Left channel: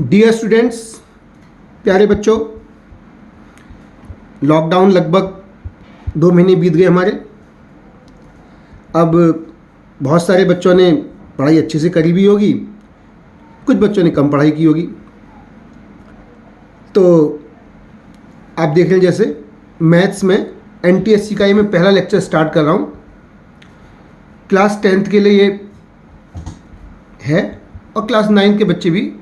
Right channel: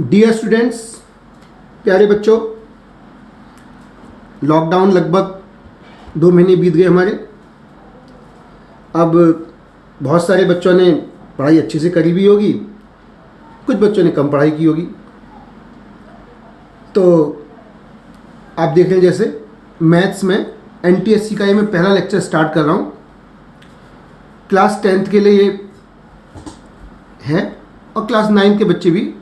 Dear students, प्यारे बच्चों, lockdown लगभग 2 महीने बीत गए हमारे। अब बहुत सारे बच्चों ने पढ़ाई अच्छे से करी भी होगी, कुछ बच्चों ने कम पढ़ाई की होगी। तो आप देख लें, जैसे मैथ्स में एनटीएससी का ये मैं पहला लेक्चर स्टार्ट कर रहा हूँ। क्लास 10th के लिए ये है और क्लास 9th के बच्चे भी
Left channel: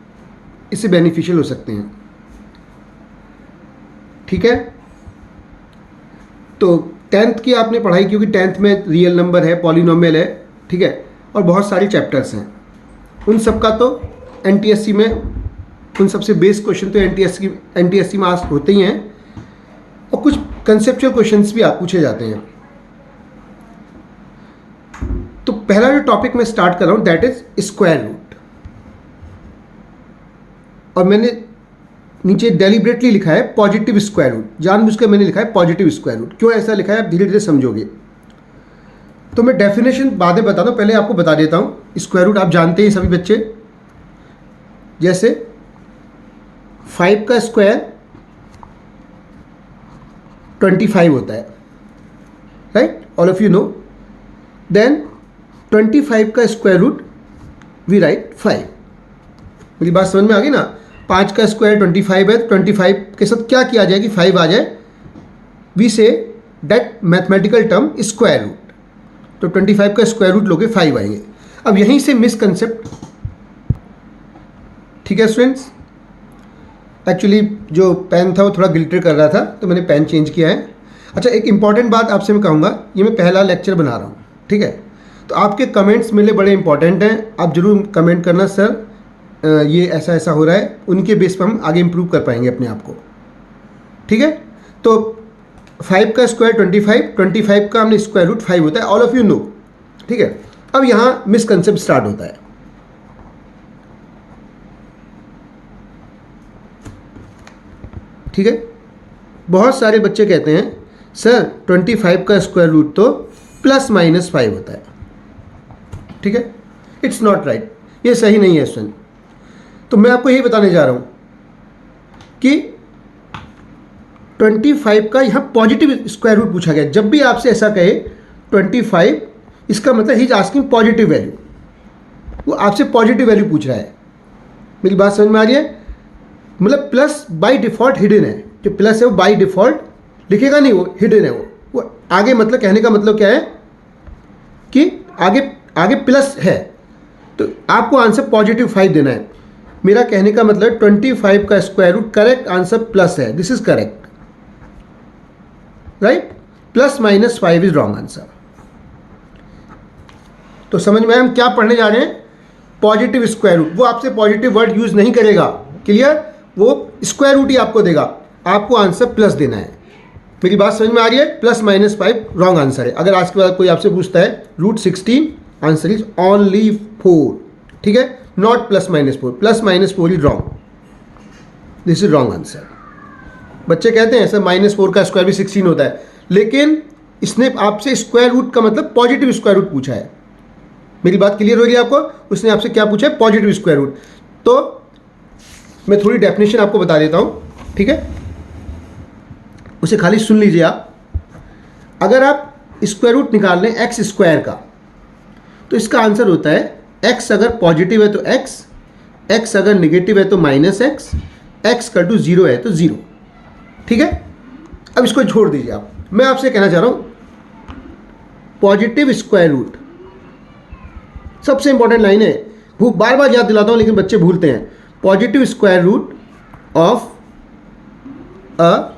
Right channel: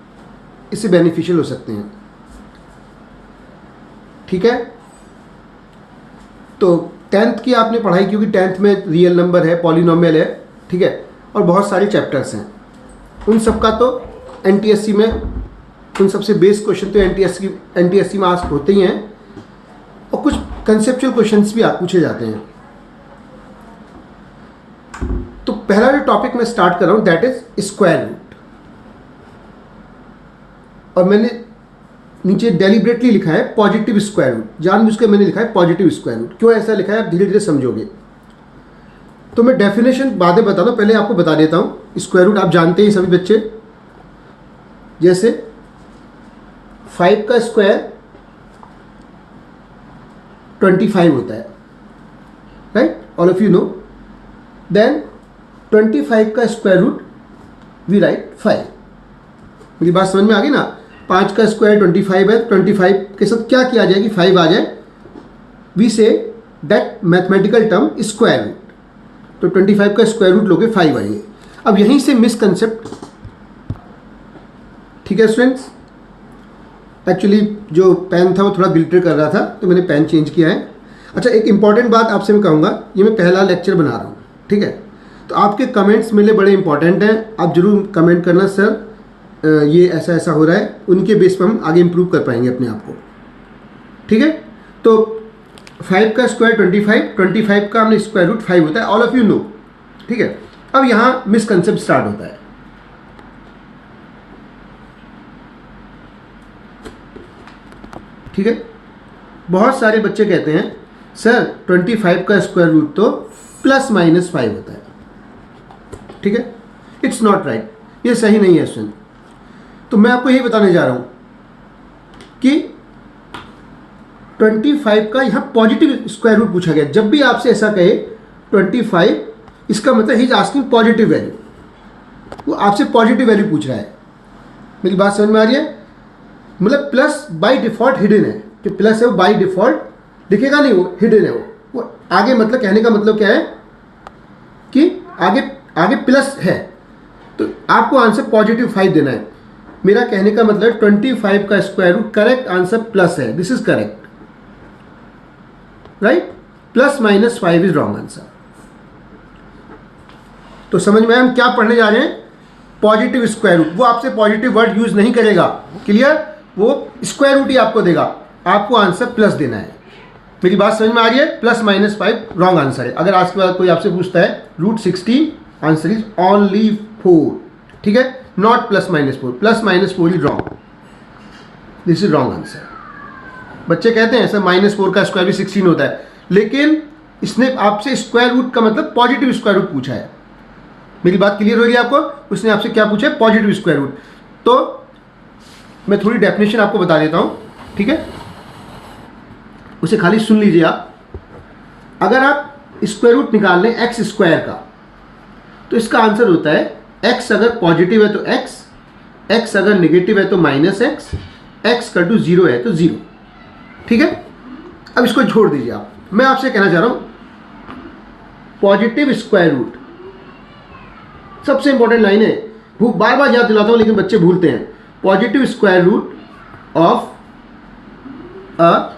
इससे बेनिफिशियल हो सकते हैं। ठीक है, तो 10th की आपने पढ़ाई की होगी। 10th में रियल नंबर है, पॉलिनोमियल है, ठीक है, और बहुत सारे चैप्टर्स हैं। उन सब का तो एनटीएससी में उन सबसे बेस क्वेश्चन तो एनटीएससी में आस्क होते ही हैं, और कुछ कंसेप्चुअल क्वेश्चंस भी पूछे जाते हैं। तो पहला जो टॉपिक मैं स्टार्ट कर रहा हूं दैट इज स्क्वायर रूट। और मैंने नीचे डेलिब्रेटली लिखा है पॉजिटिव स्क्वायर रूट, जानबूझकर मैंने लिखा है पॉजिटिव स्क्वायर रूट। क्यों ऐसा लिखा है आप धीरे धीरे समझोगे। तो मैं डेफिनेशन बाद में बताता हूं, पहले आपको बता देता हूं। स्क्वायर रूट आप जानते हैं सभी बच्चे, जैसे 5 का स्क्वायर 25 होता है, right, all of you know. Then 25 का स्क्वायर रूट वी राइट 5। मेरी बात समझ में आ गई ना। 5 का स्क्वायर 25 है, 25 के साथ क्या किया जाए कि 5 आ जाए, we say that mathematical term square root. तो 25 का स्क्वायर रूट लोगे 5 आएंगे। अब यहीं से मिसकंसेप्ट, ठीक है स्टूडेंट्स। एक्चुअली जो पेन था वो थोड़ा गिल्टर कर रहा था, तो मैंने पेन चेंज किया है। अच्छा, एक इंपॉर्टेंट बात आपसे मैं कहूँगा, ये मैं पहला लेक्चर बना रहा हूँ, ठीक है, तो आपके कमेंट्स मेरे बड़े इंपॉर्टेंट हैं। आप जरूर कमेंट करना, सर ये ऐसा ऐसा हो रहा है। उनके बेस पर हम आगे इंप्रूव कर पाएंगे अपने आप को, ठीक है। तो 5 का स्क्वायर 25 का हमने स्क्वायर रूट 5 होता है, ऑल ऑफ यू नो, ठीक है। अब यहाँ मिसकंसेप्ट स्टार्ट होता है। ठीक है, बहुत सारे बच्चे कहते हैं सर 25 का स्क्वायर रूट तो ±5 होता है, ठीक है। इट्स नॉट राइट, ये सही नहीं है स्टूडेंट। तो मैं आपको यही बताने जा रहा हूं कि 25 का यहां पॉजिटिव स्क्वायर रूट पूछा गया। जब भी आपसे ऐसा कहे 25, इसका मतलब he is asking positive value, वो आपसे पॉजिटिव वैल्यू पूछ रहा है। मेरी बात समझ में आ रही है। मतलब प्लस बाय डिफॉल्ट हिडन है, कि प्लस है वो बाय डिफॉल्ट लिखेगा नहीं, वो हिडन है। वो आगे, मतलब कहने का मतलब क्या है कि आगे प्लस है, तो आपको आंसर पॉजिटिव 5 देना है। मेरा कहने का मतलब 25 का square root correct answer plus है, this is correct, right. ±5 is wrong answer. तो समझ में हम क्या पढ़ने जा रहे हैं, पॉजिटिव स्क्वायर रूट। वो आपसे पॉजिटिव वर्ड यूज नहीं करेगा, क्लियर, वो स्क्वायर रूट ही आपको देगा, आपको आंसर प्लस देना है। मेरी बात समझ में आ रही है। +-5 रॉन्ग आंसर है। अगर आज के बाद कोई आपसे पूछता है √16, आंसर इज ओनली 4, ठीक है, not +-4। +-4 is wrong, this is wrong answer. बच्चे कहते हैं सर -4 का स्क्वायर भी 16 होता है, लेकिन इसने आपसे स्क्वायर रूट का मतलब पॉजिटिव स्क्वायर रूट पूछा है। मेरी बात क्लियर हो रही है आपको। उसने आपसे क्या पूछा है, पॉजिटिव स्क्वायर रूट। तो मैं थोड़ी डेफिनेशन आपको बता देता हूं, ठीक है, उसे खाली सुन लीजिए आप। अगर आप स्क्वायर रूट निकाल लें एक्स स्क्वायर का, तो इसका आंसर होता है x अगर पॉजिटिव है तो x अगर नेगेटिव है तो -x, x का टू 0 है तो 0, ठीक है। अब इसको छोड़ दीजिए आप। मैं आपसे कहना चाह रहा हूं पॉजिटिव स्क्वायर रूट, सबसे इंपॉर्टेंट लाइन है, बार बार याद दिलाता हूं लेकिन बच्चे भूलते हैं। Positive square root of a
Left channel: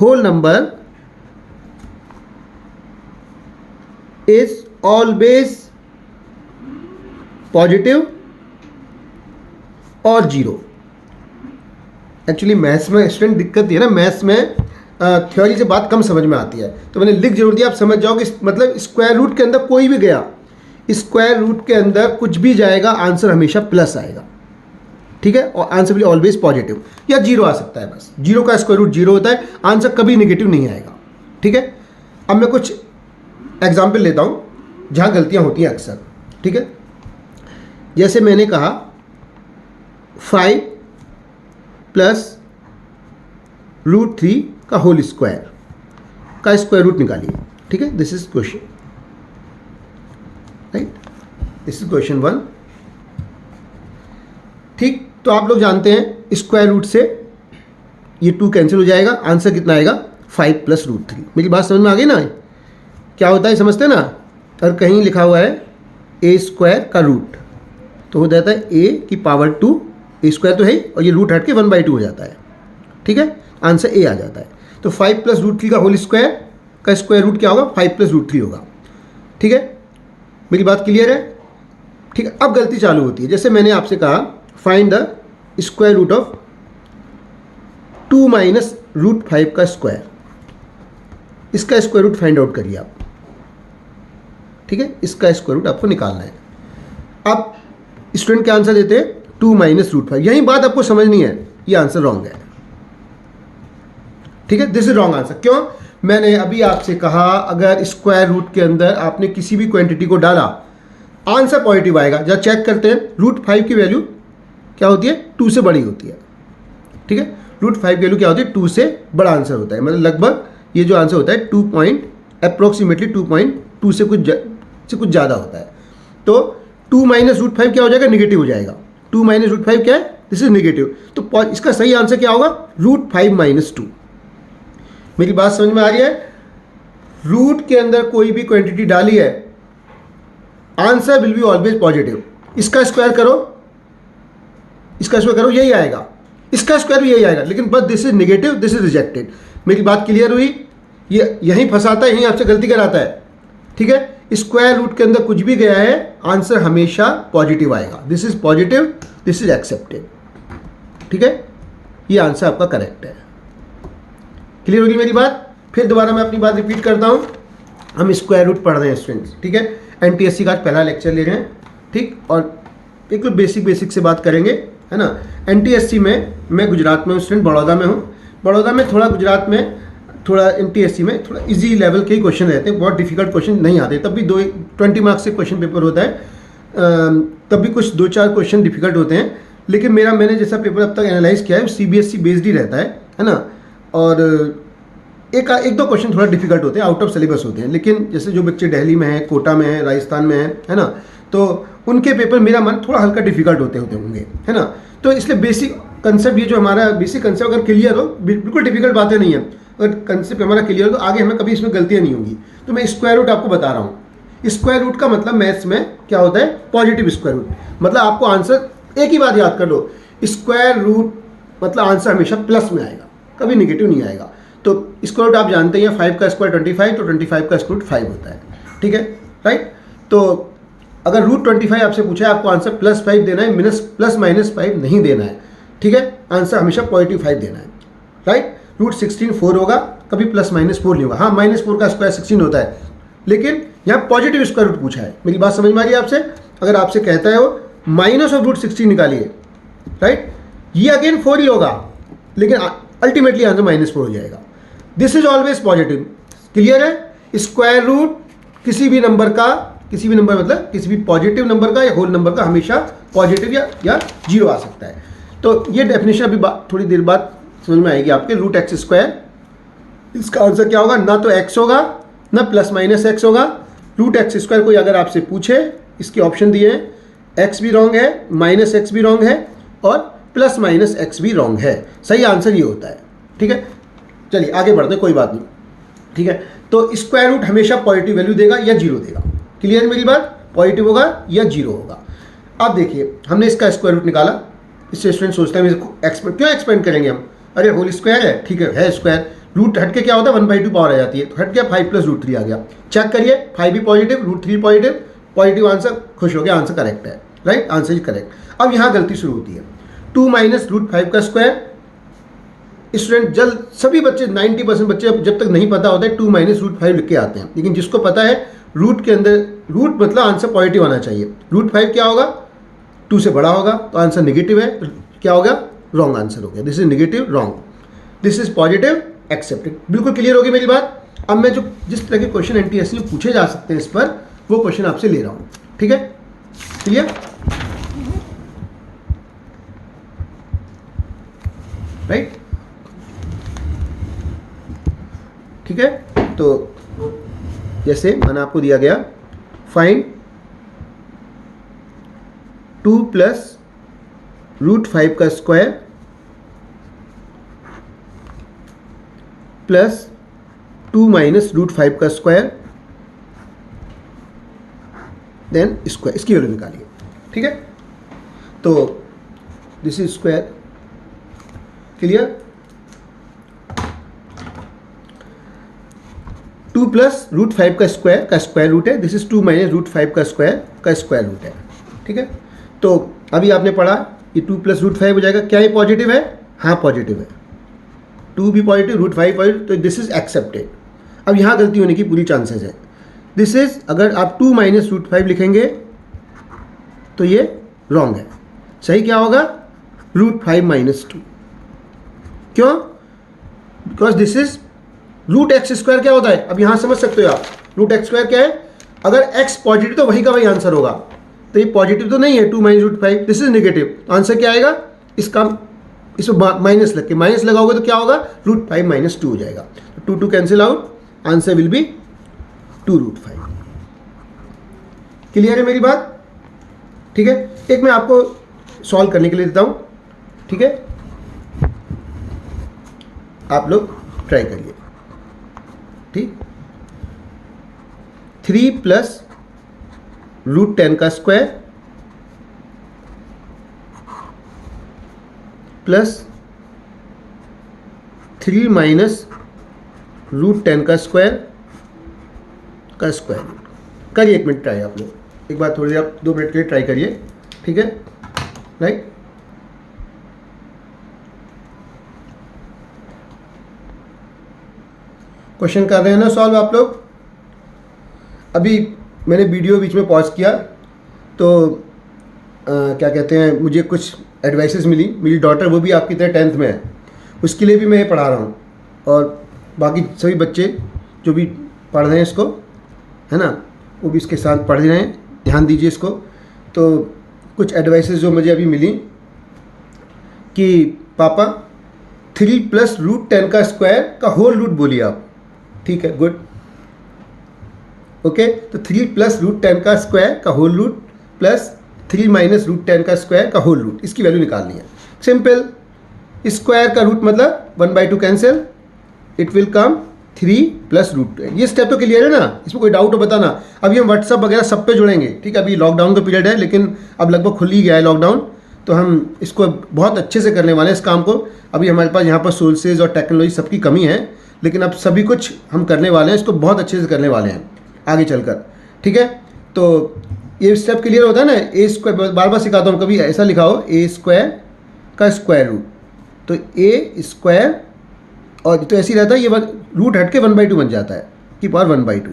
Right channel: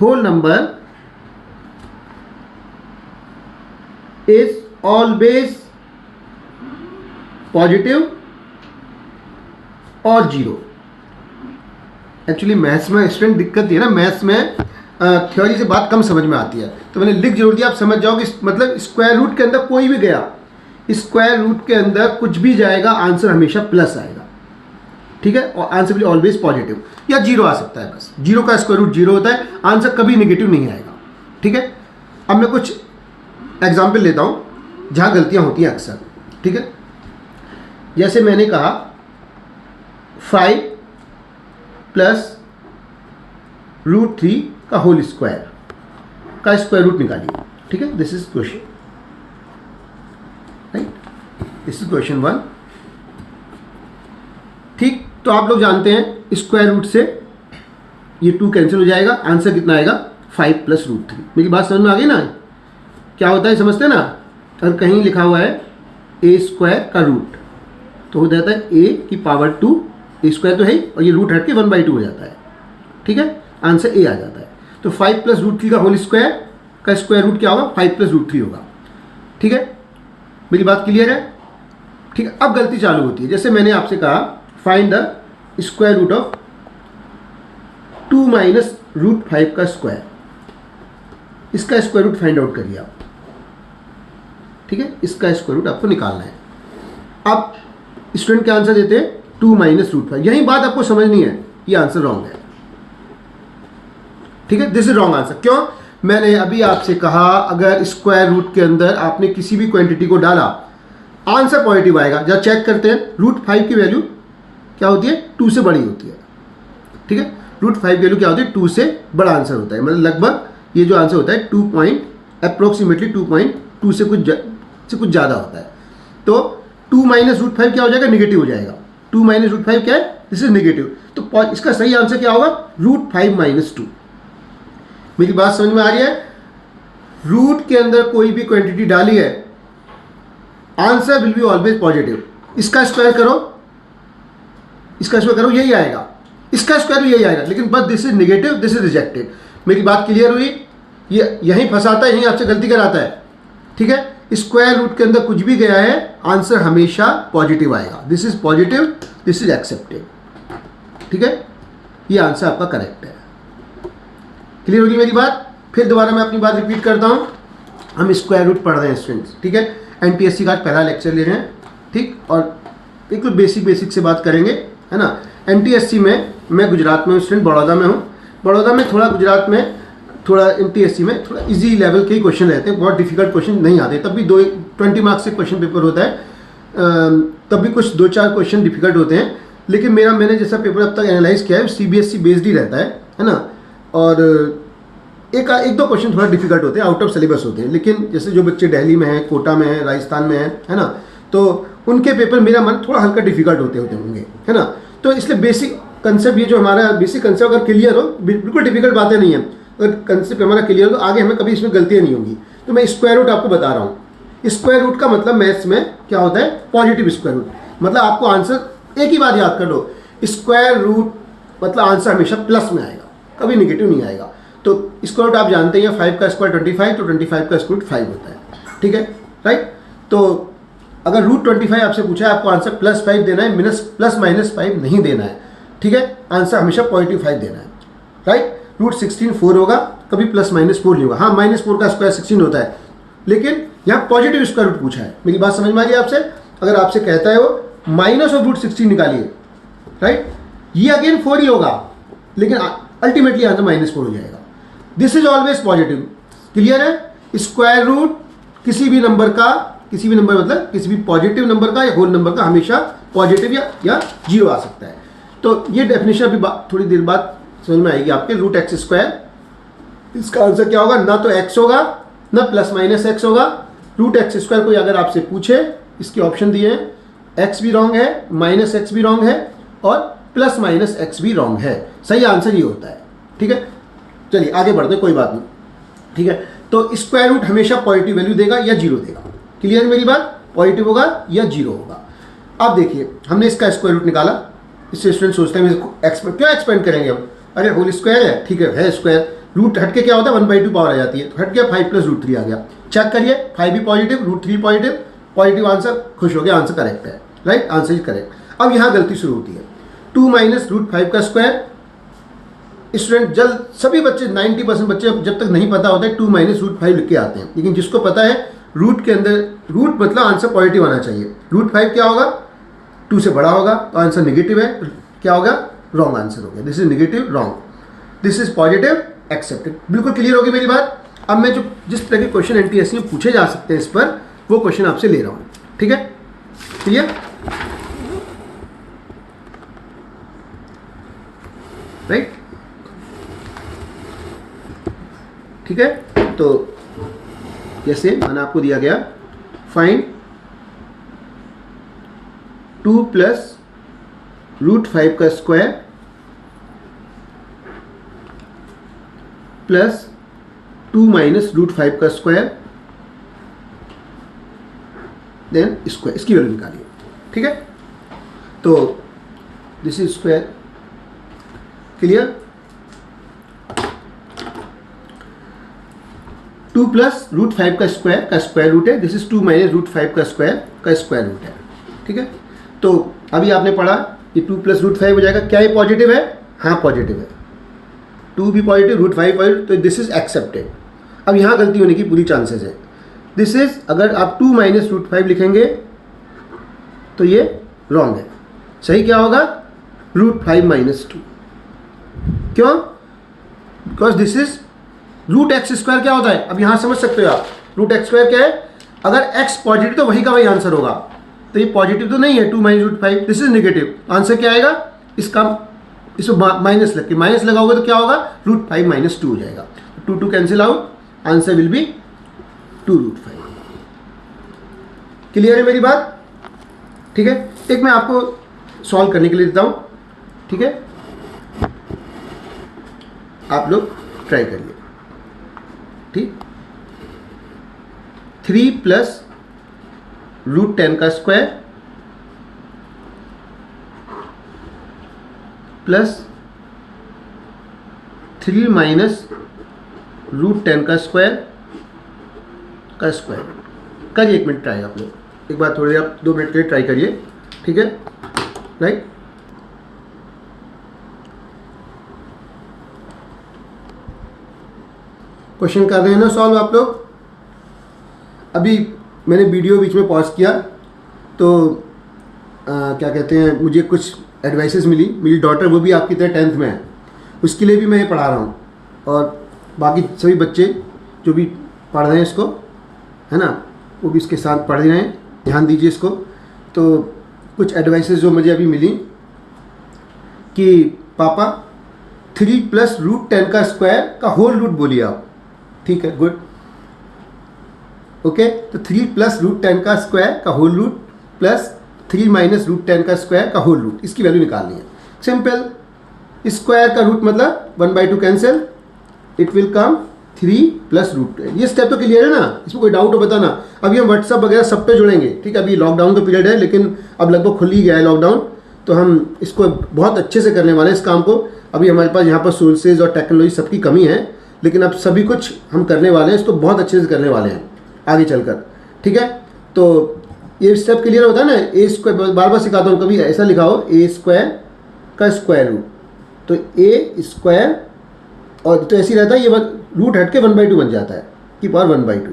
whole number is always positive और 0। एक्चुअली मैथ्स में स्टूडेंट दिक्कत ये है ना, मैथ्स में थ्योरी से बात कम समझ में आती है, तो मैंने लिख जरूर दिया, आप समझ जाओगे। मतलब स्क्वायर रूट के अंदर कोई भी गया, स्क्वायर रूट के अंदर कुछ भी जाएगा, आंसर हमेशा प्लस आएगा, ठीक है, और आंसर भी ऑलवेज पॉजिटिव या 0 आ सकता है। बस 0 का स्क्वायर रूट 0 होता है, आंसर कभी नेगेटिव नहीं आएगा, ठीक है। अब मैं कुछ एग्जाम्पल लेता हूं जहां गलतियां होती हैं अक्सर, ठीक है। जैसे मैंने कहा 5 प्लस रूट 3 का होल स्क्वायर का स्क्वायर रूट निकालिए। ठीक है, this is question, right, this is question 1। ठीक, तो आप लोग जानते हैं स्क्वायर रूट से ये 2 कैंसिल हो जाएगा, आंसर कितना आएगा 5 प्लस रूट 3। मेरी बात समझ में आ गई ना? क्या होता है समझते हैं ना? अगर कहीं लिखा हुआ है ए स्क्वायर का रूट तो हो जाता है ए की पावर 2, ए स्क्वायर तो है ही, और ये रूट हट के 1/2 हो जाता है। ठीक है, आंसर ए आ जाता है। तो 5 प्लस रूट 3 का होल स्क्वायर का स्क्वायर रूट क्या होगा? 5 प्लस रूट 3 होगा। ठीक है, मेरी बात क्लियर है? ठीक है, अब गलती चालू होती है। जैसे मैंने आपसे कहा find the square root of 2 minus root 5 का स्क्वायर, इसका स्क्वायर रूट फाइंड आउट करिए आप। ठीक है, इसका स्क्वायर रूट आपको निकालना है। अब स्टूडेंट क्या आंसर देते हैं? 2 माइनस रूट 5। यही बात आपको समझनी है, ये आंसर रॉन्ग है। ठीक है, दिस इज रॉन्ग आंसर। क्यों? मैंने अभी आपसे कहा अगर स्क्वायर रूट के अंदर आपने किसी भी क्वांटिटी को डाला आंसर पॉजिटिव आएगा। जब चेक करते हैं रूट 5 की वैल्यू क्या होती है? 2 से बड़ी होती है। ठीक है, रूट 5 की वैल्यू क्या होती है? 2 से बड़ा आंसर होता है। मतलब लगभग ये जो आंसर होता है 2.2 से कुछ ज़्यादा होता है। तो 2 माइनस रूट 5 क्या हो जाएगा? निगेटिव हो जाएगा। 2 माइनस रूट 5 क्या है? This is negative. तो इसका सही आंसर क्या होगा? Root 5 minus 2। मेरी बात समझ में आ रही है? रूट के अंदर कोई भी क्वांटिटी डाली है answer will be always positive. इसका स्क्वायर करो, इसका स्क्वायर करो, यही आएगा, इसका स्क्वायर भी यही आएगा, लेकिन बस this is negative, this is rejected. मेरी बात क्लियर हुई? ये यहीं फंसाता है, यहीं आपसे गलती कराता है। ठीक है, स्क्वायर रूट के अंदर कुछ भी गया है आंसर हमेशा पॉजिटिव आएगा। This is positive, this is accepted. ठीक है, ये आंसर आपका करेक्ट है। क्लियर होगी मेरी बात? फिर दोबारा मैं अपनी बात रिपीट करता हूँ। हम स्क्वायर रूट पढ़ रहे हैं स्टूडेंट्स। ठीक है, एनटीएससी का आज पहला लेक्चर ले रहे हैं। ठीक, और एक तो बेसिक से बात करेंगे, है ना। एनटीएससी में मैं गुजरात में हूँ स्टूडेंट, बड़ौदा में हूँ। बड़ौदा में थोड़ा, गुजरात में थोड़ा, एनटीएससी में थोड़ा इजी लेवल के ही क्वेश्चन रहते हैं, बहुत डिफिकल्ट क्वेश्चन नहीं आते। तब भी 20 मार्क्स से क्वेश्चन पेपर होता है, तब भी कुछ 2-4 क्वेश्चन डिफिकल्ट होते हैं। लेकिन मैंने जैसा पेपर अब तक एनालाइज किया है सीबीएसई बेस्ड ही रहता है ना। और एक दो क्वेश्चन थोड़ा डिफिकल्ट होते हैं, आउट ऑफ सिलेबस होते हैं। लेकिन जैसे जो बच्चे दिल्ली में हैं, कोटा में हैं, राजस्थान में है ना, तो उनके पेपर मेरा मन थोड़ा हल्का डिफिकल्ट होते होंगे, है ना। तो इसलिए बेसिक कंसेप्ट, ये जो हमारा बेसिक कंसेप्ट अगर क्लियर हो, बिल्कुल डिफिकल्ट बातें नहीं है, अगर कंसेप्ट हमारा क्लियर हो तो आगे हमें कभी इसमें गलतियाँ नहीं होंगी। तो मैं स्क्वायर रूट आपको बता रहा हूँ। स्क्वायर रूट का मतलब मैथ्स में क्या होता है? Positive square root. मतलब आपको आंसर एक ही बात याद कर लो, स्क्वायर रूट मतलब आंसर हमेशा प्लस में आएगा, कभी निगेटिव नहीं आएगा। तो स्क्वायर रूट आप जानते हैं 5 का स्क्वायर 25, तो 25 का स्क्वायर रूट 5 होता है। ठीक है, राइट। तो अगर रूट 25 आपसे पूछा है, आपको आंसर +5 देना है, प्लस माइनस 5 नहीं देना है। ठीक है, आंसर हमेशा पॉजिटिव 5 देना है, राइट। रूट 16 4 होगा, कभी +- 4 नहीं होगा। हाँ, -4 का स्क्वायर 16 होता है, लेकिन यहाँ पॉजिटिव स्क्वायर रूट पूछा है। मेरी बात समझ में आ रही है आपसे? अगर आपसे कहता है वो माइनस ऑफ रूट 16 निकालिए, राइट, ये अगेन 4 ही होगा, लेकिन अल्टीमेटली आंसर -4 हो जाएगा। This is always positive. Clear है? स्क्वायर रूट किसी भी नंबर मतलब किसी भी पॉजिटिव नंबर का या होल नंबर का हमेशा पॉजिटिव या 0 आ सकता है। तो ये डेफिनेशन अभी थोड़ी देर बाद समझ में आएगी आपके। रूट एक्स स्क्वायर, इसका आंसर क्या होगा? ना तो x होगा ना +- होगा। रूट एक्स स्क्वायर कोई अगर आपसे पूछे, इसके ऑप्शन दिए हैं, x भी रॉन्ग है, -x भी रॉन्ग है और +- भी रॉन्ग है। सही आंसर ये होता है। ठीक है, चलिए आगे बढ़ते, कोई बात नहीं। ठीक है, तो स्क्वायर रूट हमेशा पॉजिटिव वैल्यू देगा या 0 देगा। क्लियर मेरी बात? पॉजिटिव होगा या 0 होगा। अब देखिए, हमने इसका स्क्वायर रूट निकाला। इससे स्टूडेंट सोचता है क्यों एक्सपेंड करेंगे हम? अरे होल स्क्वायर है, ठीक है स्क्वायर, रूट हट के क्या होता है? 1/2 पावर आ जाती है, तो हट गया 5 + √3 आ गया। चेक करिए, 5 भी पॉजिटिव, √3 पॉजिटिव आंसर, खुश हो गया, आंसर करेक्ट है, राइट, आंसर इज करेक्ट। अब यहाँ गलती शुरू होती है। 2 माइनस √5 का स्क्वायर, स्टूडेंट सभी बच्चे 90% बच्चे जब तक नहीं पता होता है 2 माइनस √5 लिख के आते हैं। लेकिन जिसको पता है रूट के अंदर, रूट मतलब आंसर पॉजिटिव आना चाहिए। √5 क्या होगा? 2 से बड़ा होगा, तो आंसर नेगेटिव है, क्या हो गया? रॉन्ग आंसर हो गया। This is negative, wrong, this is positive, accepted. बिल्कुल क्लियर होगी मेरी बात? अब मैं जो जिस तरह के क्वेश्चन एनटीएससी में पूछे जा सकते हैं इस पर, वो क्वेश्चन आपसे ले रहा हूँ। ठीक है, क्लियर? ठीक है, तो जैसे मैंने आपको दिया गया फाइंड 2 प्लस √5 का स्क्वायर प्लस 2 माइनस √5 का स्क्वायर देन स्क्वायर, इसकी वैल्यू निकालिए। ठीक है, तो this is square, clear. 2 plus √5 का स्क्वायर रूट है, दिस इज 2 माइनस √5 का स्क्वायर रूट है। ठीक है, तो अभी आपने पढ़ा कि 2 प्लस √5 हो जाएगा, क्या ये पॉजिटिव है? हाँ पॉजिटिव है, 2 भी पॉजिटिव, √5 पॉजिटिव, तो दिस इज एक्सेप्टेड। अब यहाँ गलती होने की पूरी चांसेस है। दिस इज, अगर आप 2 माइनस √5 लिखेंगे तो ये रॉन्ग है। सही क्या होगा? √5 माइनस 2। क्यों? बिकॉज दिस इज √x² क्या होता है? अब यहाँ समझ सकते हो आप, √x² क्या है? अगर x पॉजिटिव तो वही का वही आंसर होगा, तो ये पॉजिटिव तो नहीं है 2 माइनस √5, दिस इज नेगेटिव, तो आंसर क्या आएगा? इसका इसमें माइनस लग के, माइनस लगाओगे तो क्या होगा? √5 माइनस 2 हो जाएगा, 2 cancel out, answer will be 2√5। Clear है मेरी बात? ठीक है, एक मैं आपको सॉल्व करने के लिए देता हूं, ठीक है, आप लोग ट्राई करिए। ठीक, 3 प्लस √10 का स्क्वायर प्लस 3 माइनस √10 का स्क्वायर करिए। 1 मिनट ट्राई आप लोग, एक बार थोड़ी देर आप 2 मिनट के लिए ट्राई करिए। ठीक है, राइट। क्वेश्चन कर रहे हैं ना सॉल्व आप लोग? अभी मैंने वीडियो बीच में पॉज किया तो क्या कहते हैं, मुझे कुछ एडवाइसेस मिली। मेरी डॉटर वो भी आपकी तरह 10th में है, उसके लिए भी मैं ये पढ़ा रहा हूँ, और बाकी सभी बच्चे जो भी पढ़ रहे हैं इसको, है ना, वो भी इसके साथ पढ़ रहे हैं, ध्यान दीजिए इसको। तो कुछ एडवाइसेस जो मुझे अभी मिली कि पापा 3 प्लस √10 का स्क्वायर का होल रूट बोलिए आप। ठीक है, गुड, ओके। तो 3 प्लस √10 का स्क्वायर का होल रूट प्लस 3 माइनस √10 का स्क्वायर का होल रूट, इसकी वैल्यू निकालनी है। सिंपल, स्क्वायर का रूट मतलब 1/2 cancel, it will come 3 plus √10। ये स्टेप तो क्लियर है ना? इसमें कोई डाउट हो बताना। अभी हम व्हाट्सअप वगैरह सब पे जुड़ेंगे, ठीक है। अभी लॉकडाउन का पीरियड है, लेकिन अब लगभग खुल ही गया है लॉकडाउन, तो हम इसको बहुत अच्छे से करने वाले हैं इस काम को। अभी हमारे पास यहाँ पर सोर्सेज और टेक्नोलॉजी सबकी कमी है, लेकिन अब सभी कुछ हम करने वाले हैं, इसको बहुत अच्छे से करने वाले हैं आगे चलकर, ठीक है। तो ये स्टेप क्लियर होता है ना? ए स्क्वायर, बार बार सिखाता हूँ, कभी ऐसा लिखा हो ए स्क्वायर का स्क्वायर रूट, तो ए स्क्वायर, और तो ऐसे ही रहता है, ये रूट हट के 1/2 बन जाता है, की पावर 1/2,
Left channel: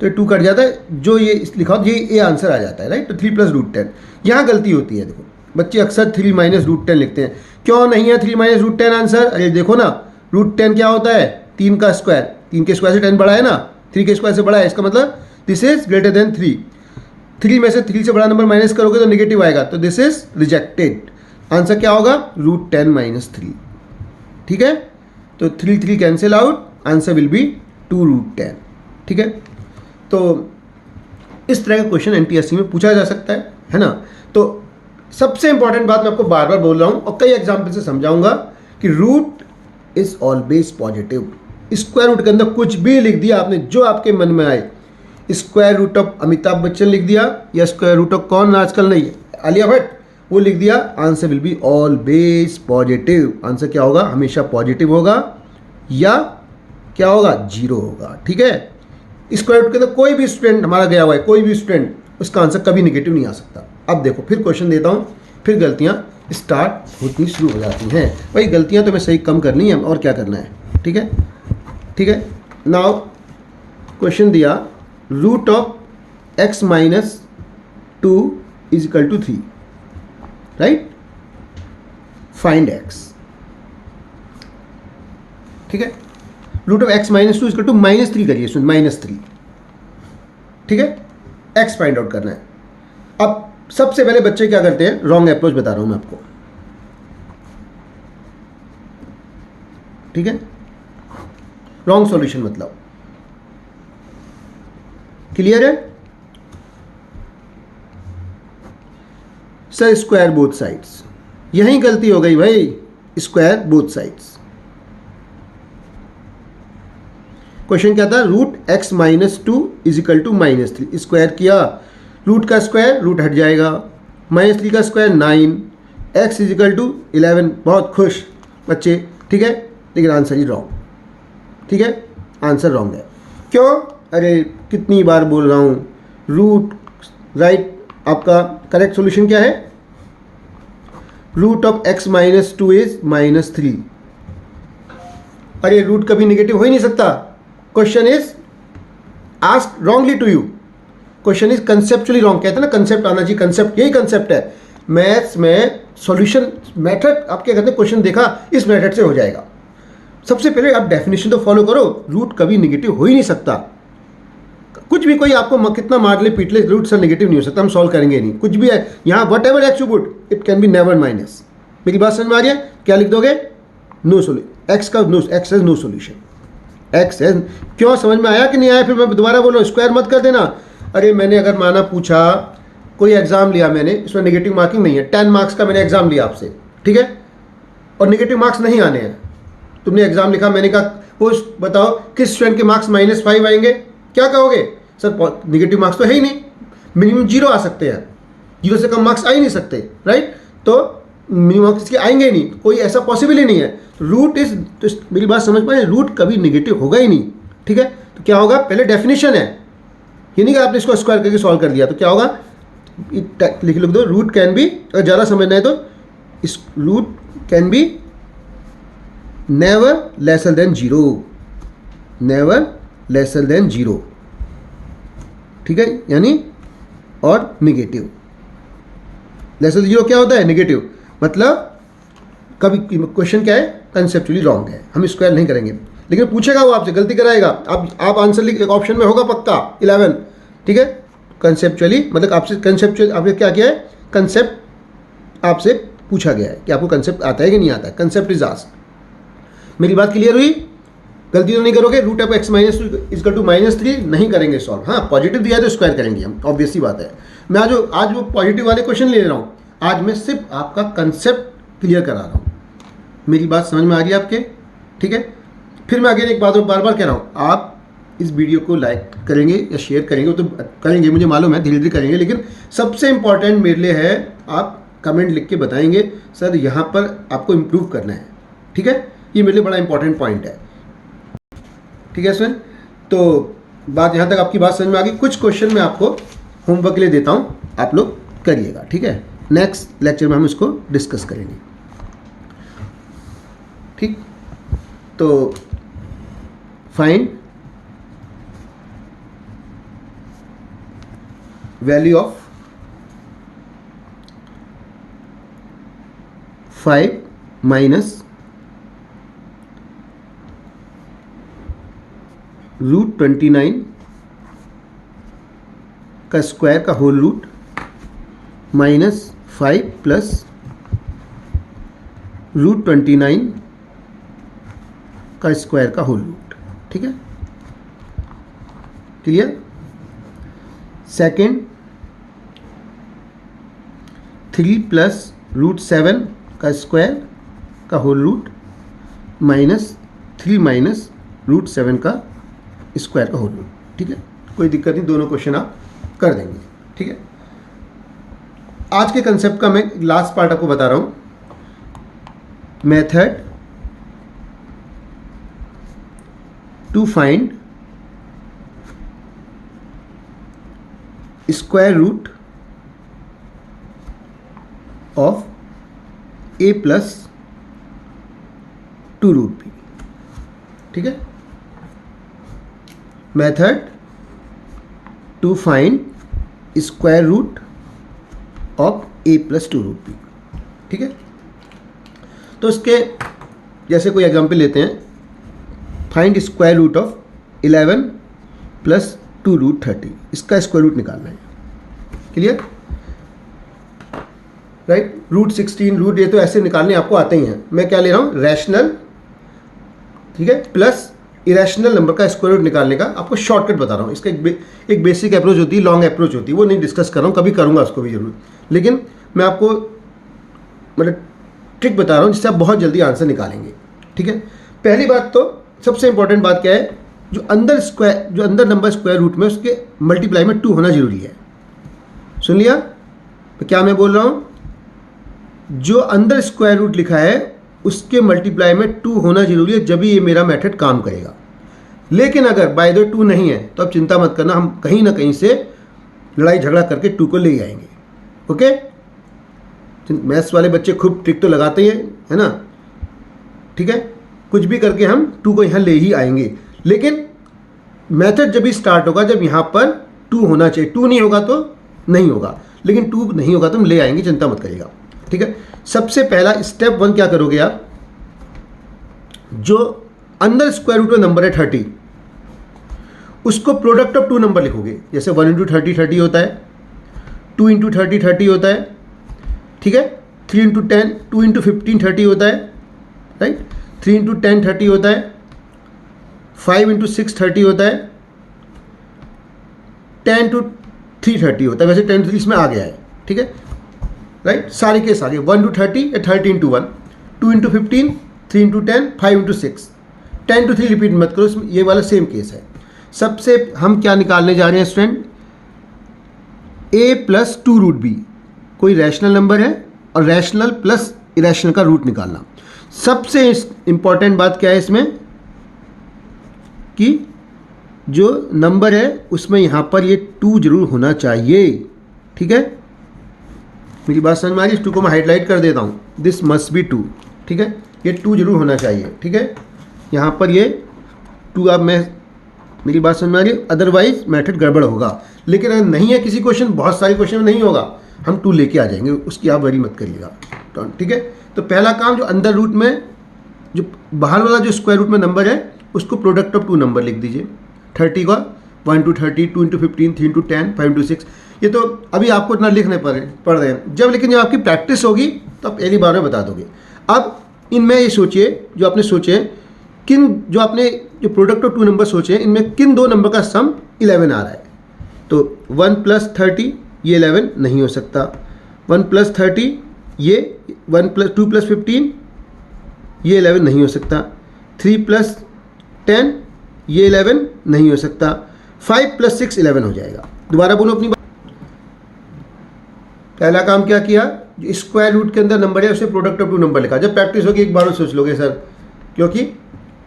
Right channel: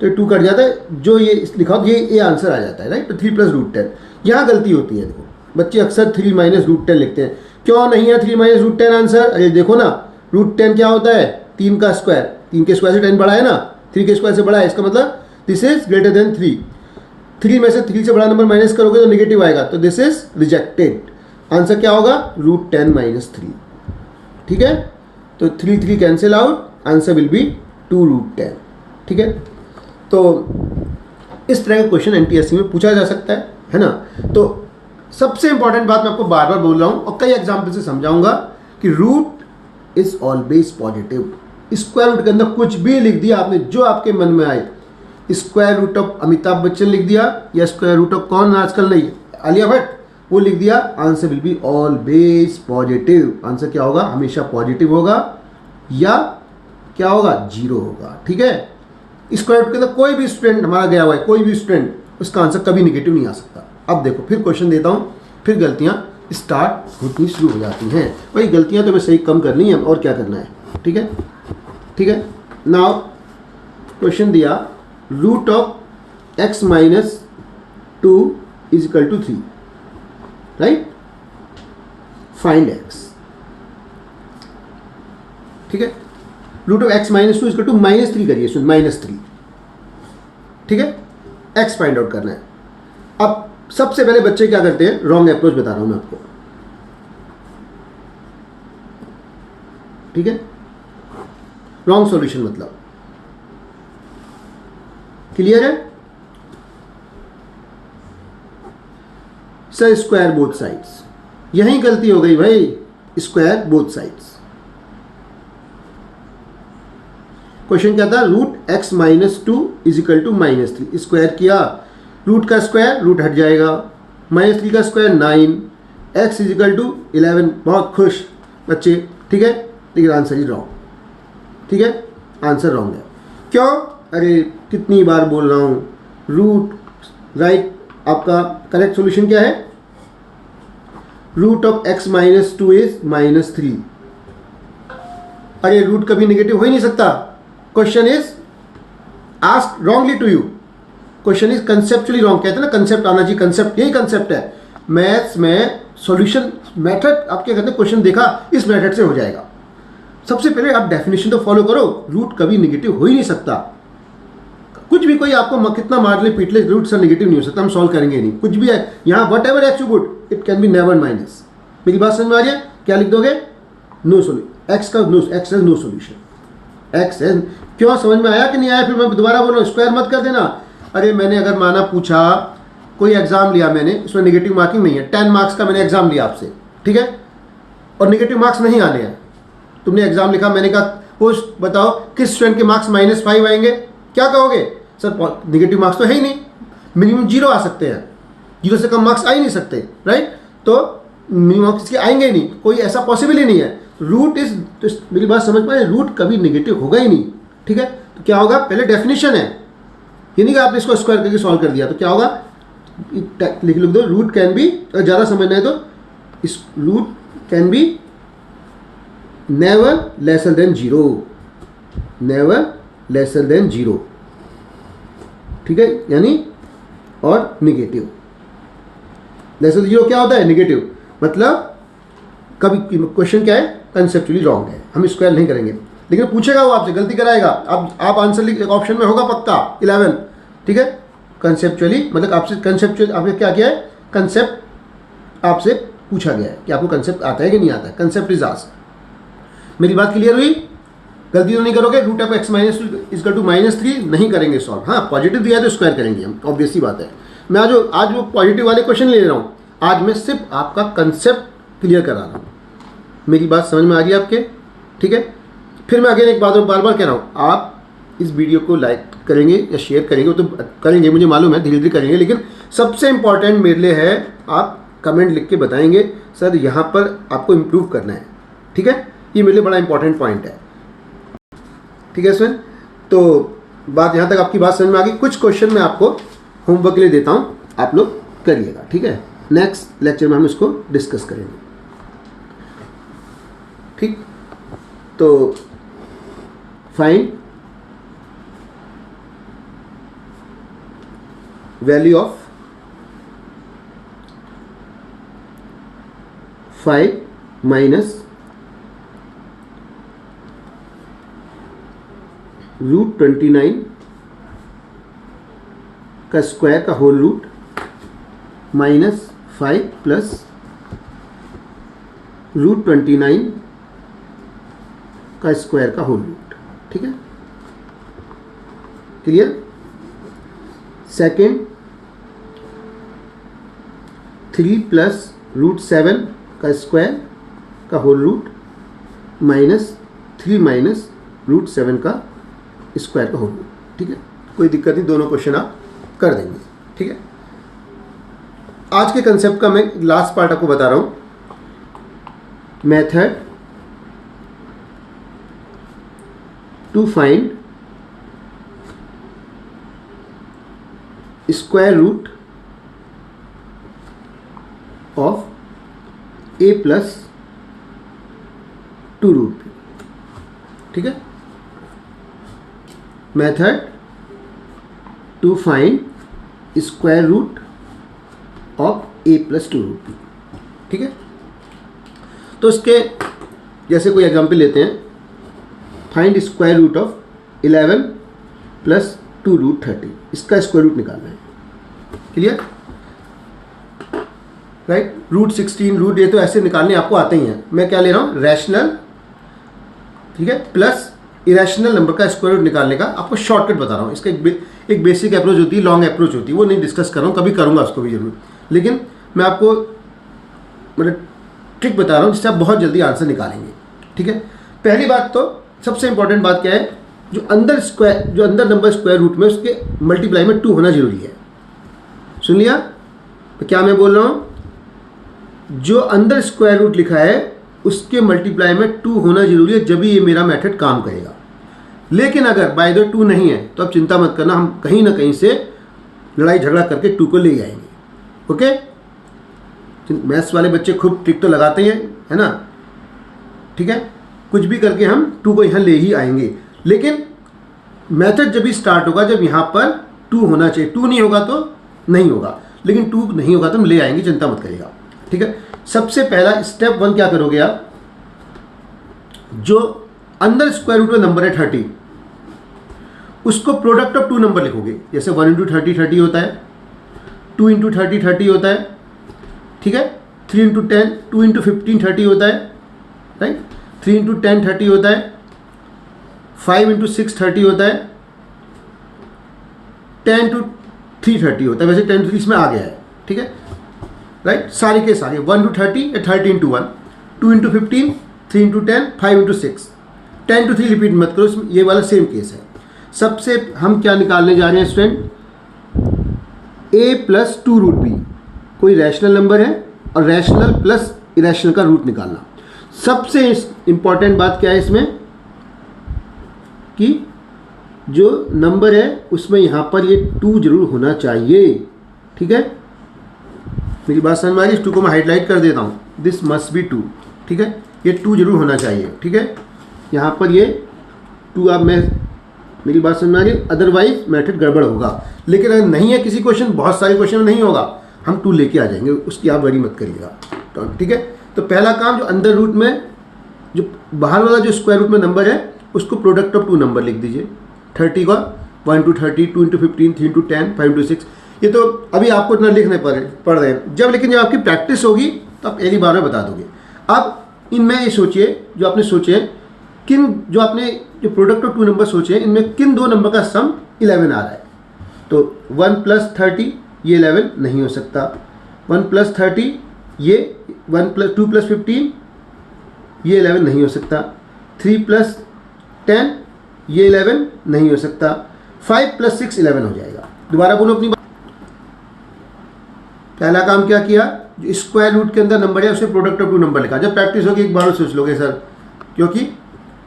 तो 2 कट जाता है, जो ये लिखा हो ये आंसर आ जाता है, राइट। तो 3 प्लस √10, यहाँ गलती होती है। देखो बच्चे अक्सर 3 माइनस √10 लिखते हैं, क्यों नहीं है 3 माइनस √10 आंसर? अरे देखो ना, √10 क्या होता है? 3 का स्क्वायर, 3 के स्क्वायर से 10 बड़ा है ना, 3 के स्क्वायर से बड़ा है, इसका मतलब दिस इज ग्रेटर देन 3। 3 में से 3 से बड़ा नंबर माइनस करोगे तो नेगेटिव आएगा, तो दिस इज रिजेक्टेड। आंसर क्या होगा? √10 माइनस 3, ठीक है। तो 3 cancel out, answer will be 2√10, ठीक है। तो इस तरह का क्वेश्चन एनटीएससी में पूछा जा सकता है ना। तो सबसे इंपॉर्टेंट बात मैं आपको बार बार बोल रहा हूं और कई एग्जाम्पल से समझाऊंगा कि root is always positive. Square root के अंदर कुछ भी लिख दिया आपने, जो आपके मन में आए, square root of Amitabh Bachchan लिख दिया, या स्क्वायर रूट ऑफ कौन आजकल नहीं, आलिया भट्ट, वो लिख दिया, answer will be always positive. Answer क्या होगा? हमेशा पॉजिटिव होगा, या क्या होगा? 0 होगा, ठीक है। स्क्वायर रूट के अंदर कोई भी स्टूडेंट हमारा गया हुआ है, कोई भी स्टूडेंट, उसका आंसर कभी निगेटिव नहीं आ सकता। अब देखो फिर क्वेश्चन देता हूं, फिर गलतियां स्टार्ट होती शुरू हो जाती हैं। भाई गलतियां तो हमें सही कम करनी है, और क्या करना है, ठीक है, ठीक है। नाउ क्वेश्चन दिया, root of x minus 2 is equal to 3, right. Find x, ठीक है। Root of x minus 2 is equal to -3 करिए, सुन, -3, ठीक है। x फाइंड आउट करना है। अब सबसे पहले बच्चे क्या करते हैं, रॉन्ग अप्रोच बता रहा हूं मैं आपको, ठीक है। रॉन्ग सॉल्यूशन मतलब। क्लियर है सर? स्क्वायर बोथ साइड्स, यही गलती हो गई भाई, स्क्वायर बोथ साइड्स। क्वेश्चन क्या था? Root x minus two is equal to minus three, square किया, रूट का स्क्वायर रूट हट जाएगा, माइनस थ्री का square 9, x is equal to 11। बहुत खुश बच्चे, ठीक है, लेकिन आंसर ही रॉन्ग, ठीक है, आंसर रॉन्ग है। क्यों? अरे कितनी बार बोल रहा हूँ, रूट राइट, आपका करेक्ट सॉल्यूशन क्या है? Root of x minus two is minus three. अरे रूट कभी नेगेटिव हो ही नहीं सकता। Question is asked wrongly to you, question is conceptually wrong. कहते हैं ना कंसेप्ट आना चाहिए, कंसेप्ट, यही कंसेप्ट है मैथ्स में। सॉल्यूशन मेथड आप क्या कहते हैं, क्वेश्चन देखा इस मेथड से हो जाएगा। सबसे पहले आप डेफिनेशन तो फॉलो करो, रूट कभी नेगेटिव हो ही नहीं सकता। कुछ भी कोई आपको कितना मार ले पीट ले, रूट से नेगेटिव नहीं हो सकता, हम सॉल्व करेंगे नहीं। कुछ भी है यहाँ, what ever x you put it can be never minus. मेरी बात समझ में आ रही है? क्या लिख दोगे? नो सोल्यूशन, एक्स का no, x has no solution, x has. क्यों, समझ में आया कि नहीं आया? फिर मैं दोबारा बोल रहा हूँ, स्क्वायर मत कर देना। अरे मैंने अगर माना पूछा, कोई एग्जाम लिया मैंने, उसमें नेगेटिव मार्किंग नहीं है, 10 मार्क्स का मैंने एग्जाम लिया आपसे, ठीक है, और नेगेटिव मार्क्स नहीं आने हैं, तुमने एग्जाम लिखा, मैंने कहा पोस्ट बताओ किस स्टूडेंट के मार्क्स -5 आएंगे, क्या कहोगे? सर नेगेटिव मार्क्स तो है ही नहीं, मिनिमम 0 आ सकते हैं, 0 से कम मार्क्स आ ही नहीं सकते, राइट? तो मिनिमम मार्क्स के आएंगे ही नहीं, कोई ऐसा पॉसिबल ही नहीं है। रूट इज, मेरी बात समझ पाए, रूट कभी नेगेटिव होगा ही नहीं, ठीक है? तो क्या होगा? पहले डेफिनेशन है, ये नहीं कि आपने इसको स्क्वायर करके सॉल्व कर दिया। तो क्या होगा? लिख दो, रूट कैन बी, अगर ज़्यादा समझना है तो इस root can be never lesser than 0, never lesser than 0, ठीक है, यानी और नेगेटिव। लेसर देन 0 क्या होता है? नेगेटिव, मतलब कभी क्वेश्चन क्या है? कंसेप्चुअली रॉन्ग है, हम स्क्वायर नहीं करेंगे। लेकिन पूछेगा वो आपसे, गलती कराएगा, आप आंसर लिख, एक ऑप्शन में होगा पक्का 11, ठीक है, कंसेप्चुअली, मतलब आपसे कंसेप्चुअल, आपने क्या किया है? कंसेप्ट आपसे पूछा गया है कि आपको कंसेप्ट आता है कि नहीं आता है, कंसेप्ट इज आस्क्ड। मेरी बात क्लियर हुई? गलती तो नहीं करोगे? Root of x minus two is equal to -3 नहीं करेंगे सॉल्व। हाँ, पॉजिटिव दिया है तो स्क्वायर करेंगे हम, ऑब्वियस सी बात है। मैं आज वो पॉजिटिव वाले क्वेश्चन ले रहा हूँ, आज मैं सिर्फ आपका कंसेप्ट क्लियर करा रहा हूँ। मेरी बात समझ में आ रही है आपके? ठीक है, फिर मैं अगेन एक बात और बार बार कह रहा हूँ, आप इस वीडियो को लाइक करेंगे या शेयर करेंगे तो करेंगे, मुझे मालूम है, धीरे धीरे करेंगे, लेकिन सबसे इंपॉर्टेंट मेरे लिए है आप कमेंट लिख के बताएंगे सर यहाँ पर आपको इम्प्रूव करना है, ठीक है? ये मेरे लिए बड़ा इंपॉर्टेंट पॉइंट है, ठीक है सर? तो बात यहाँ तक आपकी बात समझ में आ गई। कुछ क्वेश्चन मैं आपको होमवर्क के लिए देता हूँ, आप लोग करिएगा, ठीक है? नेक्स्ट लेक्चर में हम इसको डिस्कस करेंगे, ठीक? तो find value of 5 minus root 29 का स्क्वायर का होल रूट -5 प्लस रूट 29 का स्क्वायर का होल रूट, ठीक है? क्लियर? सेकेंड, 3 प्लस रूट 7 का स्क्वायर का होल रूट -3 माइनस रूट 7 का स्क्वायर का होल रूट, ठीक है? कोई दिक्कत नहीं, दोनों क्वेश्चन आप कर देंगे, ठीक है? आज के कंसेप्ट का मैं लास्ट पार्ट आपको बता रहा हूं, method to find square root of a plus 2 root b, ठीक है? Method to find square root of a plus 2 root b, ठीक है? तो इसके जैसे कोई एग्जांपल लेते हैं, find square root of 11 plus 2 root 30, इसका स्क्वायर रूट निकालना है, क्लियर? राइट? रूट 16, रूट, ये तो ऐसे निकालने आपको आते ही हैं। मैं क्या ले रहा हूँ? रैशनल, ठीक है, प्लस इरेशनल नंबर का स्क्वायर रूट निकालने का आपको शॉर्टकट बता रहा हूँ। इसका एक बेसिक अप्रोच होती है, लॉन्ग अप्रोच होती है, वो नहीं डिस्कस कर रहा हूँ, कभी करूँगा उसको भी जरूर, लेकिन मैं आपको मतलब ट्रिक बता रहा हूँ जिससे आप बहुत जल्दी आंसर निकालेंगे। ठीक है, पहली बात तो सबसे इंपॉर्टेंट बात क्या है, जो अंदर नंबर स्क्वायर रूट में उसके मल्टीप्लाई में 2 होना जरूरी है। सुन लिया तो क्या मैं बोल रहा हूँ, जो अंदर स्क्वायर रूट लिखा है उसके मल्टीप्लाई में 2 होना जरूरी है, जब ये मेरा मेथड काम करेगा। लेकिन अगर बाय द 2 नहीं है तो आप चिंता मत करना, हम कहीं ना कहीं से लड़ाई झगड़ा करके 2 को ले आएंगे। ओके, मैथ्स वाले बच्चे खूब ट्रिक तो लगाते हैं, है ना। ठीक है, कुछ भी करके हम 2 को यहाँ ले ही आएंगे, लेकिन मेथड जब भी स्टार्ट होगा जब यहाँ पर 2 होना चाहिए। 2 नहीं होगा तो नहीं होगा, लेकिन 2 नहीं होगा तो हम ले आएंगे, चिंता मत करिएगा। ठीक है, सबसे पहला स्टेप 1 क्या करोगे आप, जो अंदर स्क्वायर रूट में नंबर है 30, उसको प्रोडक्ट ऑफ 2 नंबर लिखोगे। जैसे 1 इंटू 30 30 होता है, 2 इंटू 30 30 होता है, ठीक है, 3 इंटू 10 2 इंटू 15 30 होता है, राइट, 3 इंटू 10 30 होता है, 5 इंटू 6 30 होता है, 10 टू 3 30 होता है। वैसे 10 to 3 में आ गया है, ठीक है, राइट, सारे के सारे 1 टू 30 या 30 into 1, 2 into 15, 3 into 10, 5 into 6, 10 to 3 repeat मत करो, इसमें ये वाला सेम केस है। सबसे हम क्या निकालने जा रहे हैं student, a plus 2 root b, कोई रैशनल नंबर है और रैशनल प्लस इरेशनल का रूट निकालना। सबसे इंपॉर्टेंट बात क्या है इसमें कि जो नंबर है उसमें यहाँ पर ये 2 जरूर होना चाहिए। ठीक है, मेरी बात समझ में आ रही है, इस 2 को मैं हाईलाइट कर देता हूँ, दिस मस्ट बी 2। ठीक है, ये 2 जरूर होना चाहिए। ठीक है, यहाँ पर ये 2, अब मैं मेरी बात समझ में आ रही है, अदरवाइज मेथड गड़बड़ होगा। लेकिन अगर नहीं है किसी क्वेश्चन, बहुत सारे क्वेश्चन में नहीं होगा, हम 2 लेके आ जाएंगे, उसकी आप वरी मत करिएगा। तो ठीक है, तो पहला काम, जो अंदर रूट में जो बाहर वाला जो स्क्वायर रूट में नंबर है उसको प्रोडक्ट ऑफ 2 नंबर लिख दीजिए। 30 का 1 इंटू 30, 2 इंटू 15, 3 इंटू 10, 5 इंटू 6। ये तो अभी आपको इतना लिखने पड़ रहे हैं, लेकिन जब आपकी प्रैक्टिस होगी तो आप एक बार में बता दोगे। अब इनमें ये सोचिए, जो आपने सोचे जो प्रोडक्ट ऑफ 2 नंबर सोचे, इनमें किन 2 नंबर का सम 11 आ रहा है। तो 1 प्लस 30 ये 11 नहीं हो सकता, 1 प्लस 30 ये 2 प्लस 15 ये 11 नहीं हो सकता, 3 प्लस 10 ये 11 नहीं हो सकता, 5 प्लस 6 11 हो जाएगा। दोबारा बोलो अपनी बात। पहला काम क्या किया, जो स्क्वायर रूट के अंदर नंबर है उसे प्रोडक्ट ऑफ 2 नंबर लिखा। जब प्रैक्टिस होगी एक बार सोच लोगे सर, क्योंकि